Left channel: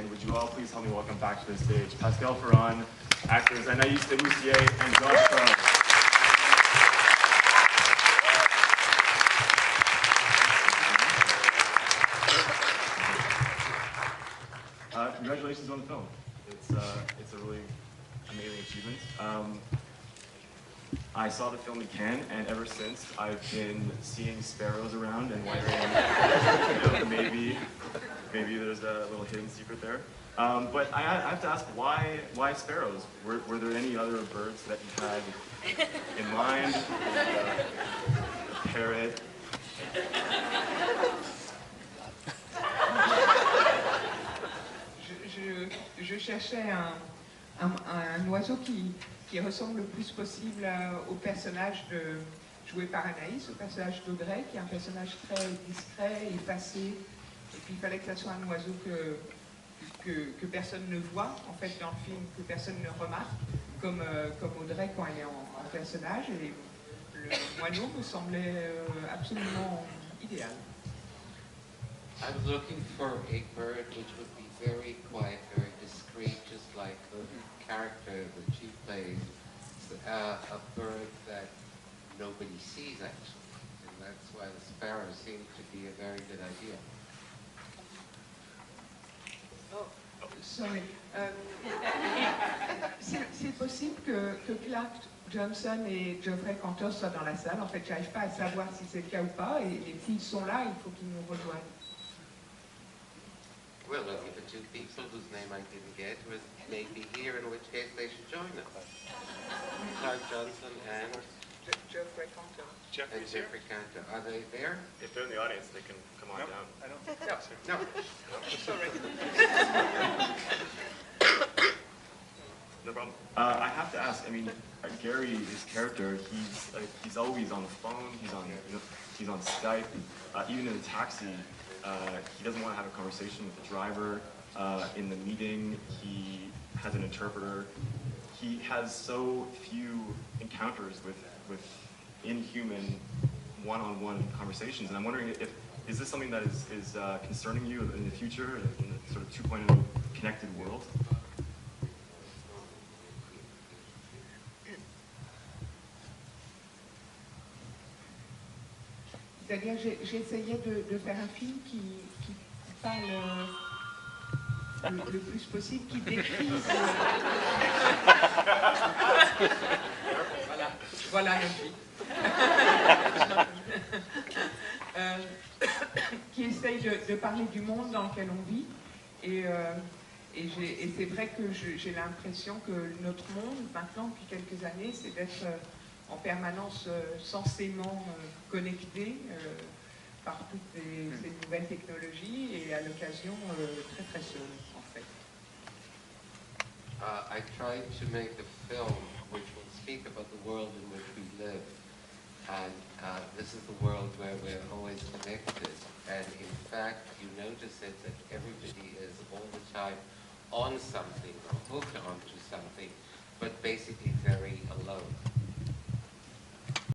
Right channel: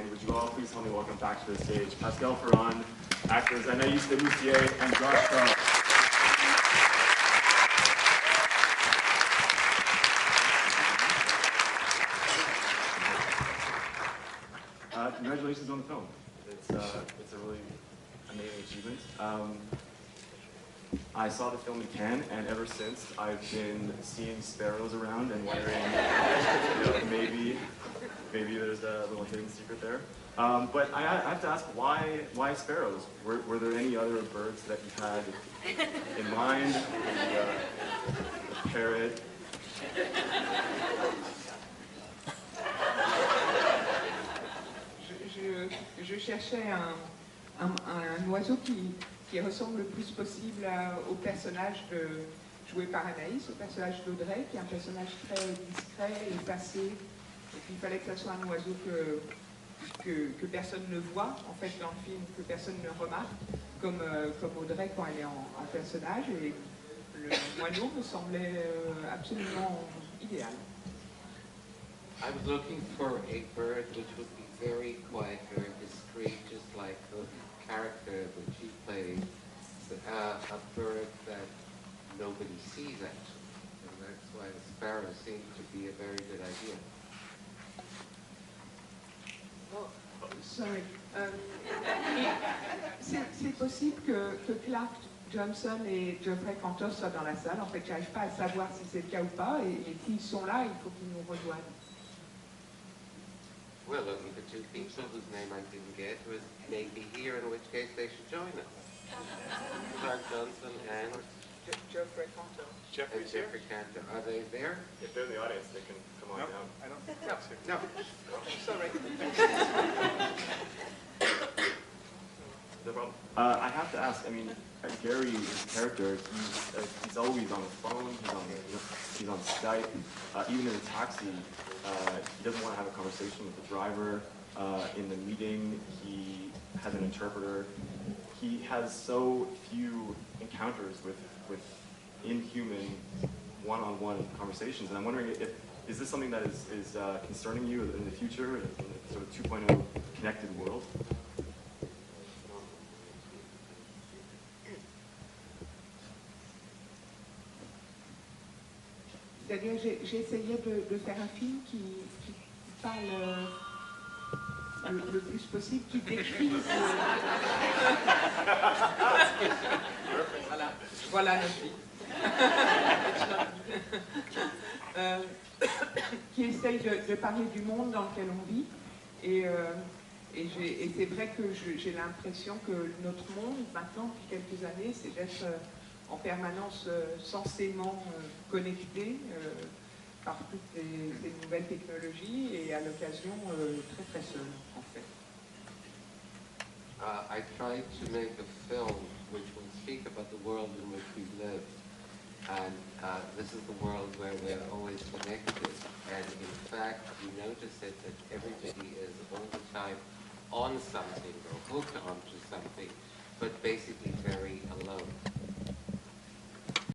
and would you all please help me welcome back to the stage Pascal Ferrand, actors Anaïs Desmoustiers and Josh Crow. Congratulations on the film. It's a really amazing achievement. I saw the film in Cannes, and ever since I've been seeing sparrows around and wondering, maybe there's a little hidden secret there. But I have to ask, why sparrows? Were there any other birds that you had in mind? Maybe a parrot? Je cherchais un oiseau qui ressemble le plus possible au personnage joué par Anaïs, au personnage d'Audrey, qui est un personnage très discret, effacé. Et puis il fallait que ça soit un oiseau que personne ne voit, en fait, dans le film, que personne ne remarque, comme Audrey quand elle est en personnage. Et le moineau me semblait absolument idéal. I was looking for a bird which would be very quiet, very discreet, just like the character that she plays. A bird that nobody sees, actually. And that's why the sparrow seemed to be a very good idea. Oh, sorry. C'est possible que Clark Johnson et Geoffrey Cantor soient dans la salle. En fait, j'arrive pas à savoir si c'est le cas ou pas. Et s'ils sont là, il faut qu'ils nous rejoignent. We're looking for two people whose name I didn't get, who is maybe here, in which case they should join us. Clark Johnson and Geoffrey Cantor. Jeffrey Cantor. Are they there? If they're in the audience, they can come on down. I don't think No. Sorry. No problem. I have to ask. I mean, Gary's character, he's always on the phone. He's on Skype. Even in the taxi, he doesn't want to have a conversation with the driver. In the meeting, he has an interpreter. He has so few encounters with inhuman one-on-one conversations, and I'm wondering is this something that is concerning you in the future, in the sort of 2.0 connected world? C'est-à-dire, j'essayais de faire un film qui parle le plus possible, qui décrit... Voilà notre vie. Qui essaye de parler du monde dans lequel on vit. Et c'est vrai que j'ai l'impression que notre monde, maintenant, depuis quelques années, c'est d'être en permanence censément connecté par toutes ces nouvelles technologies et à l'occasion très très seul, en fait. I tried to make a film which will speak about the world in which we live. And this is the world where we're always connected. And in fact, you notice it that everybody is all the time on something or hooked onto something, but basically very alone.